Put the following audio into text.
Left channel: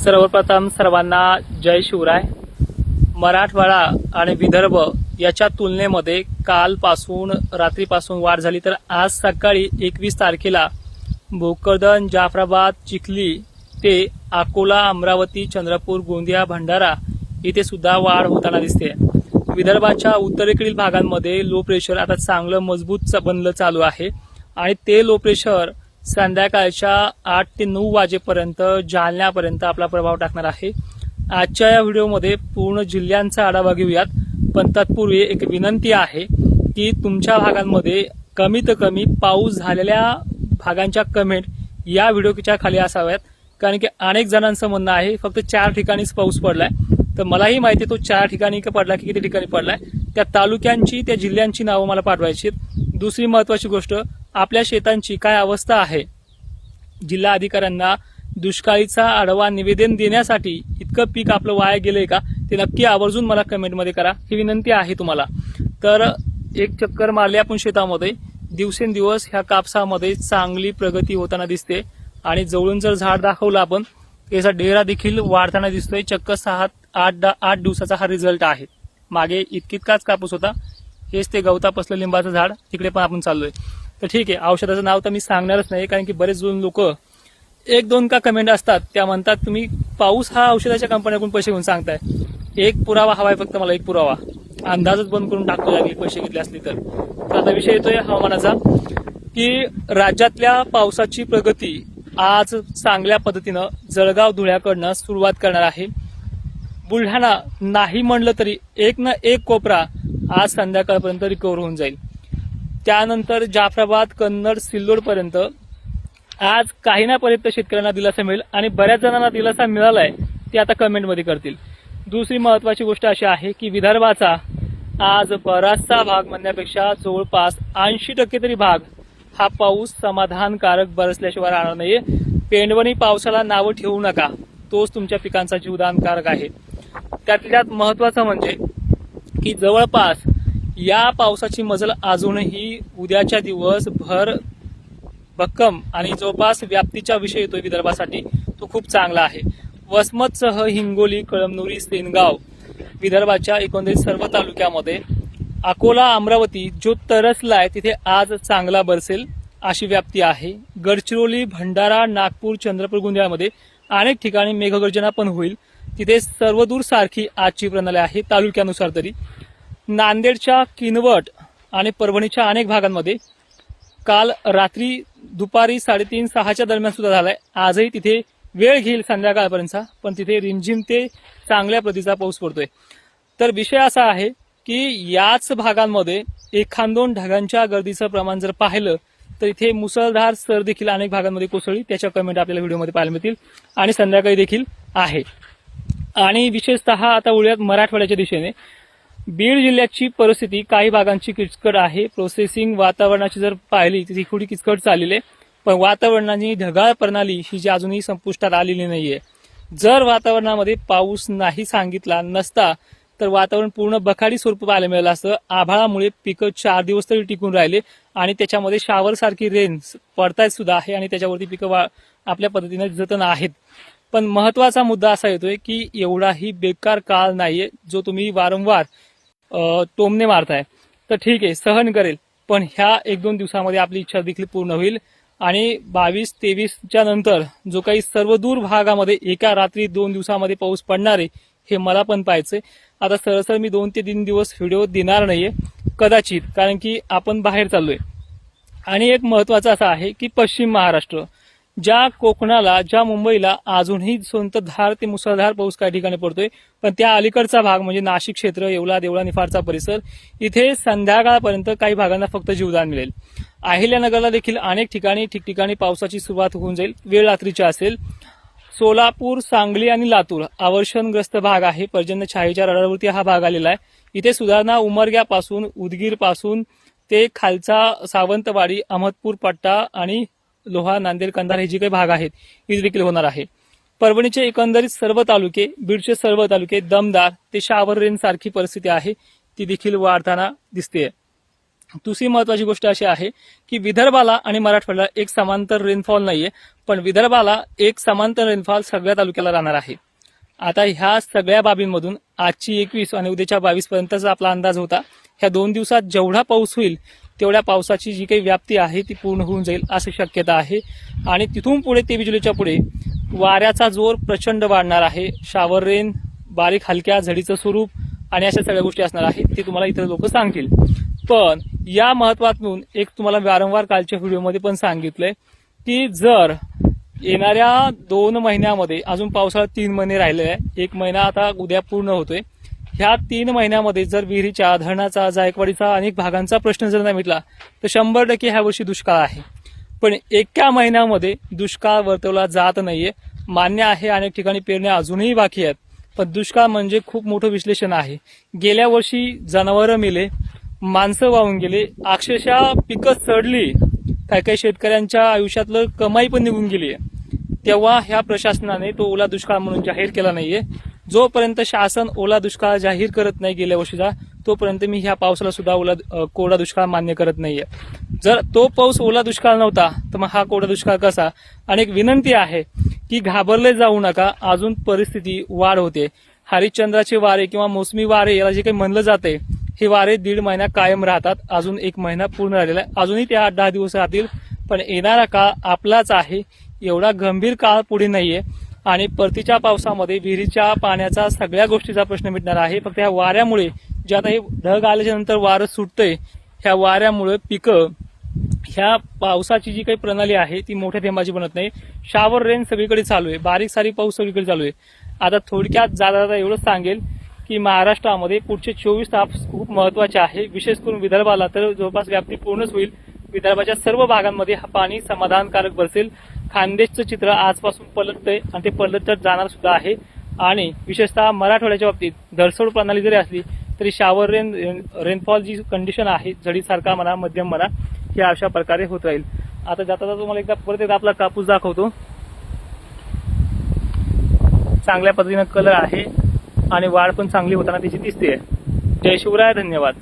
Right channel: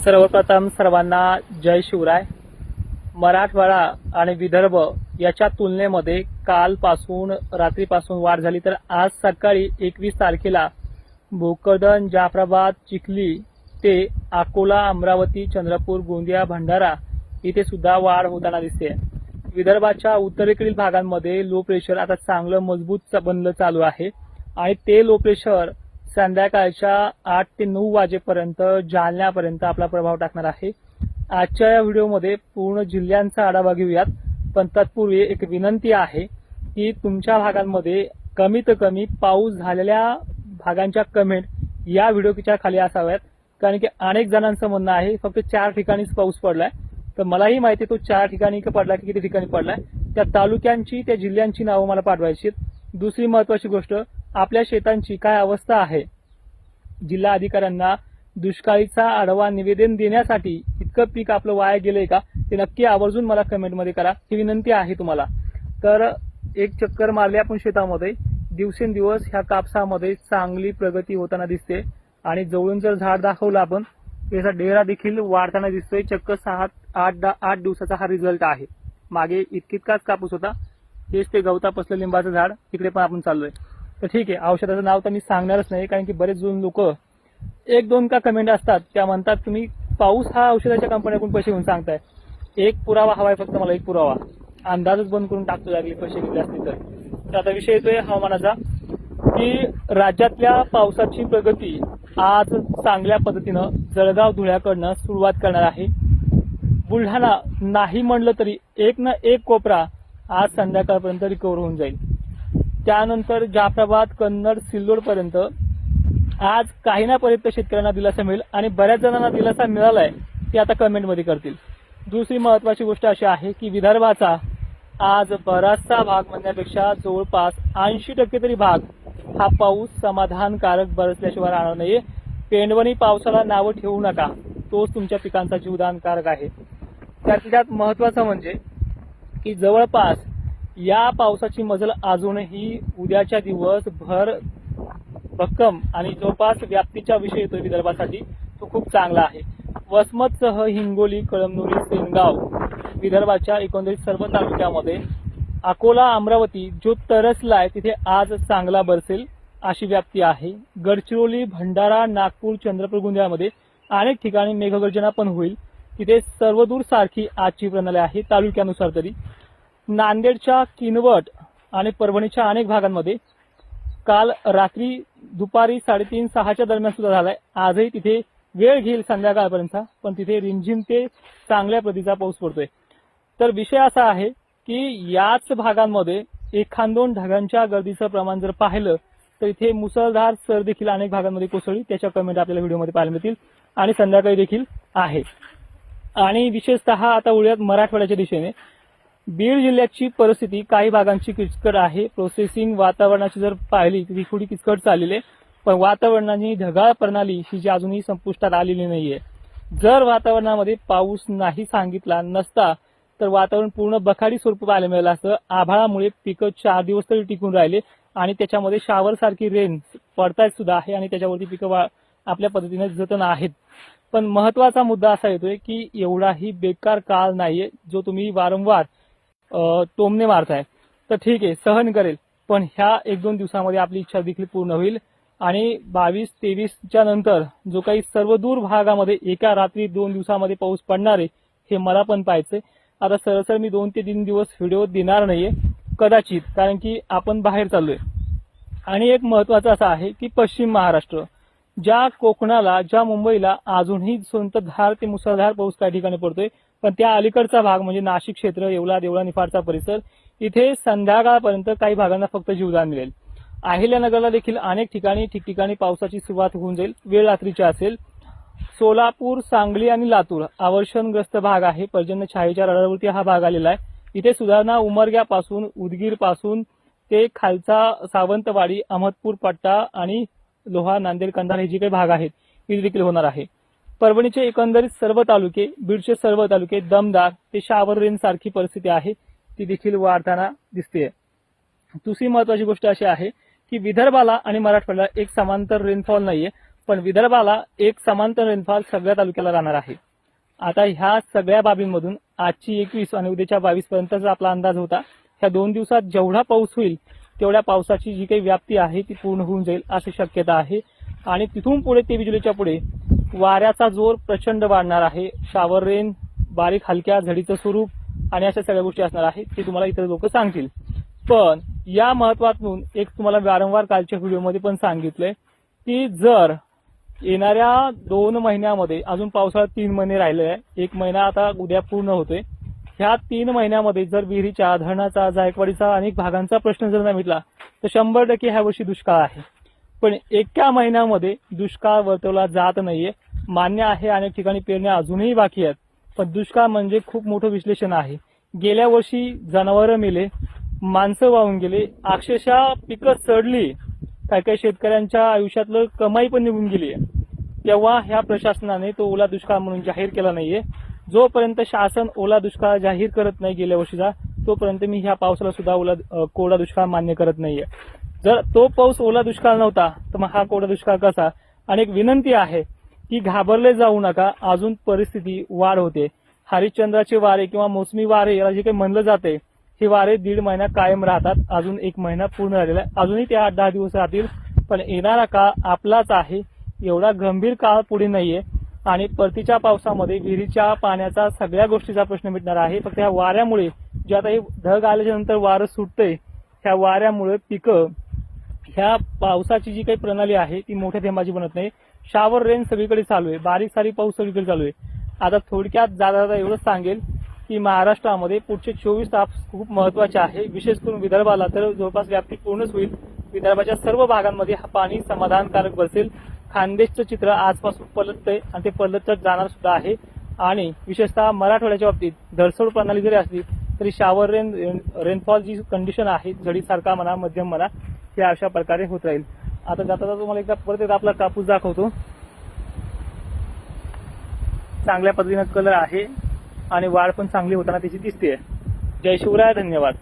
सर्वप्रथम सर्वांना जय शिवराय। मराठवाडा आणि विदर्भ याच्या तुलनेमध्ये कालपासून रात्रीपासून वाढ झाली, तर आज सकाळी 21 तारखेला भोकरदन, जाफराबाद, चिखली ते अकोला, अमरावती, चंद्रपूर, गोंदिया, भंडारा इथे सुद्धा वाढ होताना दिसते। विदर्भाच्या उत्तरेकडील भागांमध्ये लो प्रेशर आता चांगलं मजबूत बनलं चालू आहे आणि ते लो प्रेशर संध्याकाळच्या 8 ते 9 वाजेपर्यंत जालन्यापर्यंत आपला प्रभाव टाकणार आहे। आजच्या या व्हिडिओमध्ये पूर्ण जिल्ह्यांचा आढावा घेऊयात, पण तत्पूर्वी एक विनंती आहे की तुमच्या भागांमध्ये कमीत कमी पाऊस झालेल्या भागांच्या कमेंट या व्हिडिओच्या खाली असाव्यात, कारण की अनेक जणांचं म्हणणं आहे फक्त 4 ठिकाणीच पाऊस पडलाय। तर मलाही माहिती तो 4 ठिकाणी पडला की किती ठिकाणी पडलाय, त्या तालुक्यांची त्या जिल्ह्यांची नावं मला पाठवायची। दुसरी महत्त्वाची गोष्ट, आपल्या शेतांची काय अवस्था आहे, जिल्हा अधिकाऱ्यांना दुष्काळीचा आढावा निवेदन देण्यासाठी इतकं पीक आपलं वाया गेलंय का ते नक्की आवर्जून मला कमेंटमध्ये करा, ही विनंती आहे तुम्हाला। तर एक चक्कर मारली आपण शेतामध्ये, दिवसेंदिवस ह्या कापसामध्ये चांगली प्रगती होताना दिसते आणि जवळून जर झाड दाखवलं आपण, त्याचा डेरा देखील वाढताना दिसतोय। चक्क 7-8 दिवसाचा हा रिझल्ट आहे। मागे इतकाच कापूस होता, हेच ते गवतापसलं लिंबाचं झाड, तिकडे पण आपण चाललोय। तर ठीक आहे, औषधाचं नाव तर मी सांगणारच नाही, कारण की बरेच जण लोक 1-2 का कमेंट असतात, त्या म्हणतात तुम्ही पाऊस हा औषधाच्या कंपन्याकडून पैसे घेऊन सांगताय। एक पुरावा हवाय फक्त मला, एक पुरावा, अंदाजच बंद करून टाकतो जागी पैसे घेतले असले तर। आता विषय येतोय हवामानाचा, की राज्यातल्या पावसाची प्रगती आज चांगल्या पद्धतीनं जळगाव धुळ्याकडनं सुरुवात करणार आहे। बुलढाणा नाही म्हणलं तरी एक ना एक कोपरा आज संध्याकाळपर्यंत रिकव्हर होऊन जाईल। त्यानंतर जाफराबाद, कन्नड, सिल्लोड पर्यंत आज काही ना पर्यंत शेतकऱ्यांना दिलासा मिळेल आणि बऱ्याच जणांना दिलासा मिळालाय, ते आता कमेंटमध्ये करतील। दुसरी महत्वाची गोष्ट अशी आहे की विदर्भाचा आज बराचसा भाग म्हणण्यापेक्षा जवळपास 80% तरी भाग हा पाऊस समाधानकारक बरसल्याशिवाय राहणार नाहीये। पेंडवणी पावसाला नावं ठेवू नका, तोच तुमच्या पिकांचा जीवदानकारक आहे। त्यात महत्वाचं म्हणजे की जवळपास या पावसाची मजल अजूनही उद्याच्या दिवस भर भक्कम आणि जवळपास व्याप्तीचा विषय येतोय विदर्भासाठी, तो खूप चांगला आहे। वसमतसह हिंगोली, कळमनुरी, सेनगाव विदर्भाच्या एकंदरीत सर्व तालुक्यामध्ये, अकोला, अमरावती जो तरसलाय तिथे आज चांगला बरसेल अशी व्याप्ती आहे। गडचिरोली, भंडारा, नागपूर, चंद्रपूर, गोंदियामध्ये अनेक ठिकाणी मेघगर्जना पण होईल, तिथे सर्वदूर सारखी आजची प्रणाली आहे तालुक्यानुसार तरी। नांदेडच्या किनवट आणि परभणीच्या अनेक भागांमध्ये काल रात्री दुपारी 3:30-6च्या दरम्यान सुद्धा झालाय। आजही तिथे वेळ घेईल संध्याकाळपर्यंतचा, पण तिथे रिमझिम ते चांगल्या प्रतीचा पाऊस पडतोय। तर विषय असा आहे की याच भागांमध्ये 1-2 ढगांच्या गर्दीचं प्रमाण जर पाहिलं तर इथे मुसळधार सर देखील अनेक भागांमध्ये कोसळली, त्याच्या कमेंट आपल्याला व्हिडिओमध्ये पाहायला मिळतील आणि संध्याकाळी देखील आहे। आणि विशेषतः आता वळूयात मराठवाड्याच्या दिशेने। बीड जिल्ह्याची परिस्थिती काही भागांची किचकट आहे। प्रोसेसिंग वातावरणाची जर पाहिली तर ती थोडी किचकट चाललेली आहे, पण वातावरणाची ढगाळ प्रणाली ही जी अजूनही संपुष्टात आलेली नाहीये। जर वातावरणामध्ये पाऊस नाही सांगितला नसता तर वातावरण पूर्ण बखाडी स्वरूप पाहायला मिळालं असतं। आभाळामुळे पिकं 4 दिवस तरी टिकून राहिले आणि त्याच्यामध्ये शावर सारखी रेन पडतायत सुद्धा आहे आणि त्याच्यावरती पिकं आपल्या पद्धतीने जतन आहेत। पण महत्वाचा मुद्दा असा येतोय की एवढाही बेकार काळ नाहीये जो तुम्ही वारंवार टोमणे मारताय। तर ठीक आहे, सहन करेल, पण ह्या 1-2 दिवसामध्ये आपली इच्छा देखील पूर्ण होईल आणि 22-23च्या नंतर जो काही सर्वदूर भागामध्ये एका रात्री 2 दिवसामध्ये पाऊस पडणार आहे हे मला पण पाहायचंय। आता सरसर मी 2 ते 3 दिवस व्हिडिओ देणार नाहीये कदाचित, कारण की आपण बाहेर चाललोय। आणि एक महत्वाचं असं आहे की पश्चिम महाराष्ट्र, ज्या कोकणाला, ज्या मुंबईला अजूनही संततधार ते मुसळधार पाऊस काही ठिकाणी पडतोय, पण त्या अलीकडचा भाग म्हणजे नाशिक क्षेत्र, येवला, देवळा, निफाडचा परिसर, इथे संध्याकाळपर्यंत काही भागांना फक्त जीवदान मिळेल। अहिल्यानगरला देखील अनेक ठिकाणी ठिकठिकाणी पावसाची सुरुवात होऊन जाईल, वेळ रात्रीची असेल। सोलापूर, सांगली आणि लातूर अवर्षणग्रस्त भाग आहे, पर्जन्य छायेच्या रडावरती हा भाग आलेला आहे। इथे सुधारणा उमरग्यापासून, उदगीरपासून ते खालचा सावंतवाडी, अहमदपूर पट्टा आणि लोहा, नांदेड, कंधार हे जे काही भाग आहेत इथे देखील होणार आहे। परभणीचे एकंदरीत सर्व तालुके, बीडचे सर्व तालुके, दमदार ते शावर रेन सारखी परिस्थिती आहे, ती देखील वाढताना दिसते। दुसरी महत्वाची गोष्ट अशी आहे की विदर्भाला आणि मराठवाड्याला एक समांतर रेनफॉल नाहीये, पण विदर्भाला एक समांतर रेनफॉल सगळ्या तालुक्याला राहणार आहे. आता ह्या सगळ्या बाबींमधून आजची 21 आणि उद्याच्या 22 पर्यंतचा आपला अंदाज होता. ह्या 2 दिवसात जेवढा पाऊस होईल तेवढ्या पावसाची जी काही व्याप्ती आहे ती पूर्ण होऊन जाईल अशी शक्यता आहे. आणि तिथून पुढे 23 जुलैच्या पुढे वाऱ्याचा जोर प्रचंड वाढणार आहे. शावर रेन, बारीक हलक्या झडीचं स्वरूप आणि अशा सगळ्या गोष्टी असणार आहेत, ते तुम्हाला इतर लोक सांगतील. पण या महत्वातून एक तुम्हाला वारंवार कालच्या व्हिडिओमध्ये पण सांगितलंय की जर येणाऱ्या 2 महिन्यामध्ये, अजून पावसाळा 3 महिने राहिले आहे, 1 महिना आता उद्या पूर्ण होतोय, ह्या 3 महिन्यामध्ये जर विहिरीच्या, धरणाचा, जायकवाडीचा अनेक भागांचा प्रश्न जर नाही मिटला तर 100% ह्या वर्षी दुष्काळ आहे. पण एका महिन्यामध्ये दुष्काळ वर्तवला जात नाहीये. मान्य आहे अनेक ठिकाणी पेरण्या अजूनही बाकी आहेत, पण दुष्काळ म्हणजे खूप मोठं विश्लेषण आहे. गेल्या वर्षी जनावरं मेले, माणसं वाहून गेले, अक्षरशः पिकं सडली, काही काही शेतकऱ्यांच्या आयुष्यातलं कमाई पण निघून गेली आहे. तेव्हा ह्या प्रशासनाने तो ओला दुष्काळ म्हणून जाहीर केला नाहीये. जोपर्यंत शासन ओला दुष्काळ जाहीर करत नाही गेल्या वर्षीचा, तोपर्यंत मी ह्या पावसाला सुद्धा कोरडा दुष्काळ मान्य करत नाहीये. जर तो पाऊस ओला दुष्काळ नव्हता तर मग हा कोरडा दुष्काळ कसा? आणि एक विनंती आहे की घाबरले जाऊ नका, अजून परिस्थिती वाढ होते. हरिश्चंद्राचे वारे किंवा मोसमी वारे याला जे काही म्हणलं जाते, हे वारे 1.5 महिना कायम राहतात. अजून 1 महिना पूर्ण राहिलेला आहे, अजूनही ते 8-10 दिवस राहतील. पण येणारा काळ आपलाच आहे, एवढा गंभीर काळ पुढे नाहीये. आणि परतीच्या पावसामध्ये विहिरीच्या पाण्याचा सगळ्या गोष्टीचा प्रश्न मिटणार आहे. फक्त ह्या वाऱ्यामुळे, जे आता हे ढग आल्याच्या नंतर वारं सुटतंय, ह्या वाऱ्यामुळे पिकं, ह्या पावसाची जी काही प्रणाली आहे ती मोठ्या थेंबाची बनत नाही. शावर रेन सगळीकडे चालू आहे, बारीक सारीक पाऊस सगळीकडे चालू आहे. आता थोडक्यात जाता एवढंच सांगेल की महाराष्ट्रामध्ये पुढचे 24 तास खूप महत्वाचे आहे. विशेष करून विदर्भाला तर जवळपास व्याप्ती पूर्णच होईल. विदर्भाच्या सर्व भागांमध्ये पाणी समाधानकारक बरसेल. खानदेशचं चित्र आजपासून पलटतंय आणि ते पलटत जाणार सुद्धा आहे. आणि विशेषतः मराठवाड्याच्या बाबतीत धरसोड प्रणाली जरी असली तरी शावर रेनफॉल जी कंडिशन आहे, झडीसारखा म्हणा, मध्यम म्हणा, ही अशा प्रकारे होत राहील. आता जाता तुम्हाला एकदा परत आपला कापूस दाखवतो. चांगल्या पद्धतीनं कलर आहे आणि वाढ पण चांगली होताना त्याची दिसते. जय शिवराय, धन्यवाद.